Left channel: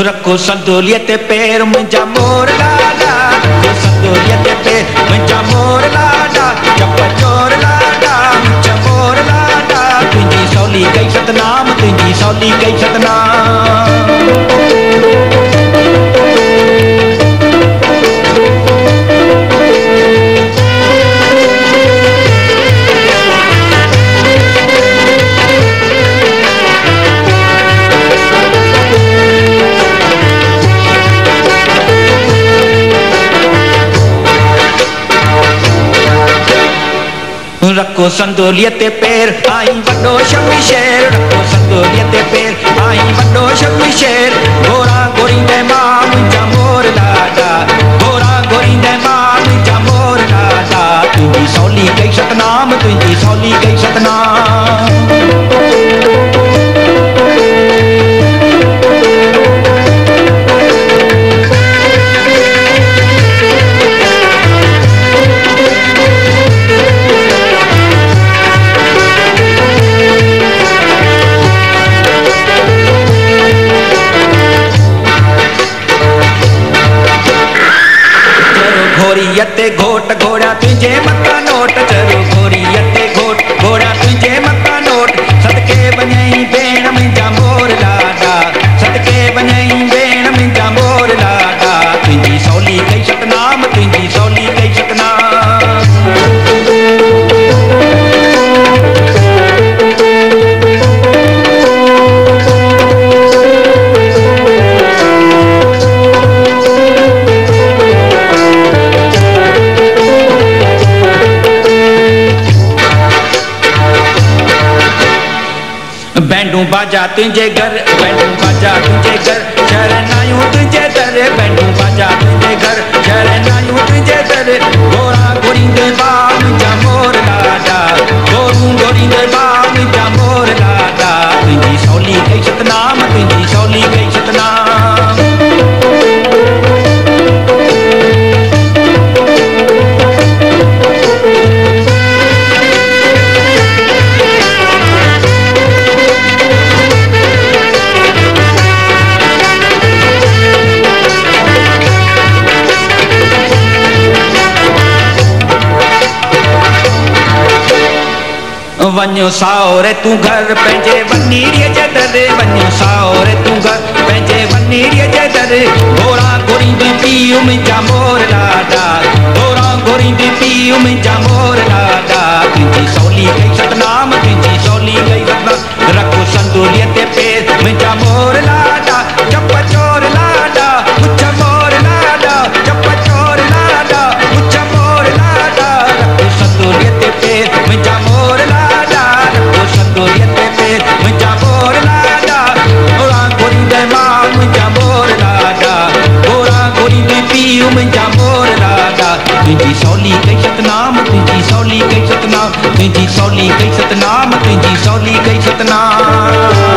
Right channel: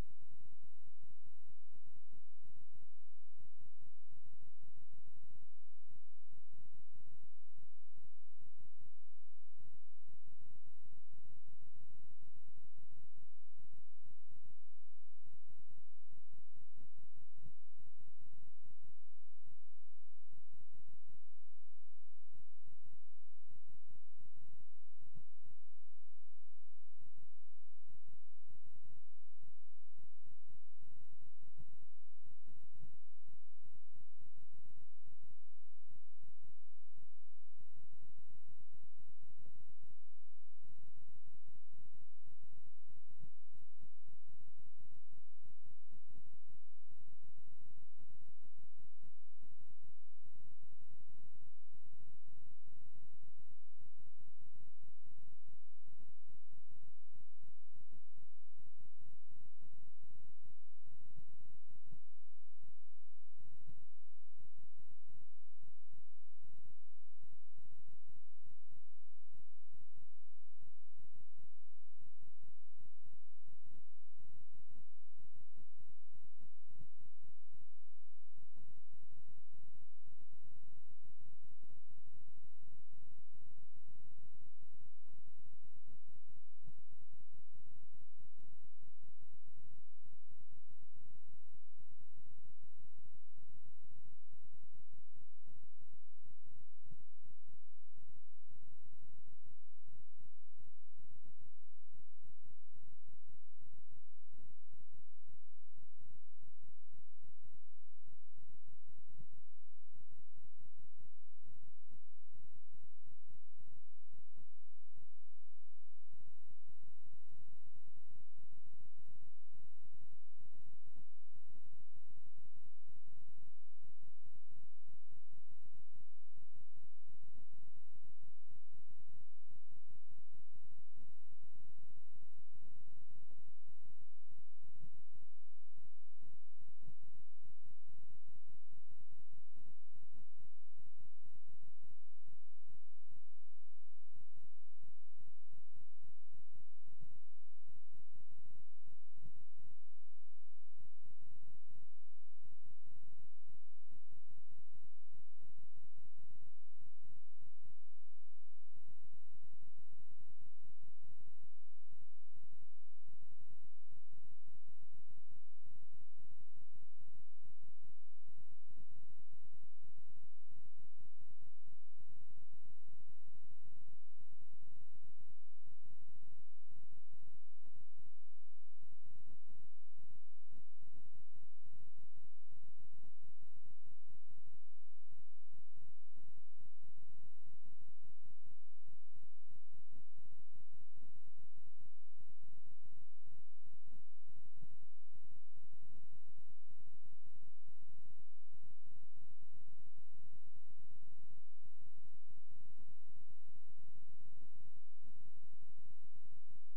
रखो संदोलिया ते पैर मुंहिंजा मोर लाडा, रखो संदोलिया ते पैर मुंहिंजा मोर लाडा, चप चोर लाडा मुंहिंजा मोर लाडा, तुंहिंजी सौली कई सतनाम, तुंहिंजी सौली कई सतनाम। रखो संदोलिया ते पैर आई वड्डो शमशेर, रखो संदोलिया ते पैर आई वड्डो शमशेर, घोड़ा घोड़ींदे मां मुंहिंजा मोर लाडा, घोड़ा घोड़ींदे मां मुंहिंजा मोर लाडा, तुंहिंजी सौली कई सतनाम, तुंहिंजी सौली कई सतनाम। घोड़ियते घोट घोड़ा तुझे मक्का नोट, चलो घोड़ियते घोट घोड़ा तुझे मक्का नोट, सदके वञई भेण मुंहिंजा मोर लाडा, सदके वञई भेण मुंहिंजा मोर लाडा, तुंहिंजी सौली कई सतनाम, तुंहिंजी सौली कई सतनाम। बैंडू बाजा तुझे घर, बैंडू बाजा तुझे घर, शरणायूं तुझे दर, बैंडू बाजा तुझे घर, शरणायूं तुझे दर, घोड़ा घोड़ींदे बा मुंहिंजा मोर लाडा, घोड़ू घोड़ींदे बा मुंहिंजा मोर लाडा, तुंहिंजी सौली कई सतनाम, तुंहिंजी सौली कई सतनाम। वञो साओरे तूं घर पंहिंजे वनीड़ीअ जे दर, वञो साओरे तूं घर पंहिंजे वनीड़ीअ जे दर, घोड़ा घोड़ींदी पीउ मुंहिंजा मोर लाडा, घोड़ा घोड़ींदी पीउ मुंहिंजा मोर लाडा, तुंहिंजी सौली कई सतनाम, तुंहिंजी सौली कई सतनाम। रखो संदोलिया ते पैर मुंहिंजा मोर लाडा, चप चोर लाडा मुंहिंजा मोर लाडा, चप चोर लाडा मुंहिंजा मोर लाडा, रखो संदोलिया ते पैर मुंहिंजा मोर लाडा, रखो संदोलिया ते पैर मुंहिंजा मोर लाडा, घोड़ा घोड़ींदे मां मुंहिंजा मोर लाडा, घोड़ा घोड़ींदी पीउ मुंहिंजा मोर लाडा, तुंहिंजी सौली कई सतनाम, तुंहिंजी सौली कई सतनाम, तुंहिंजी सौली कई सतनाम, तुंहिंजी सौली कई सतनाम।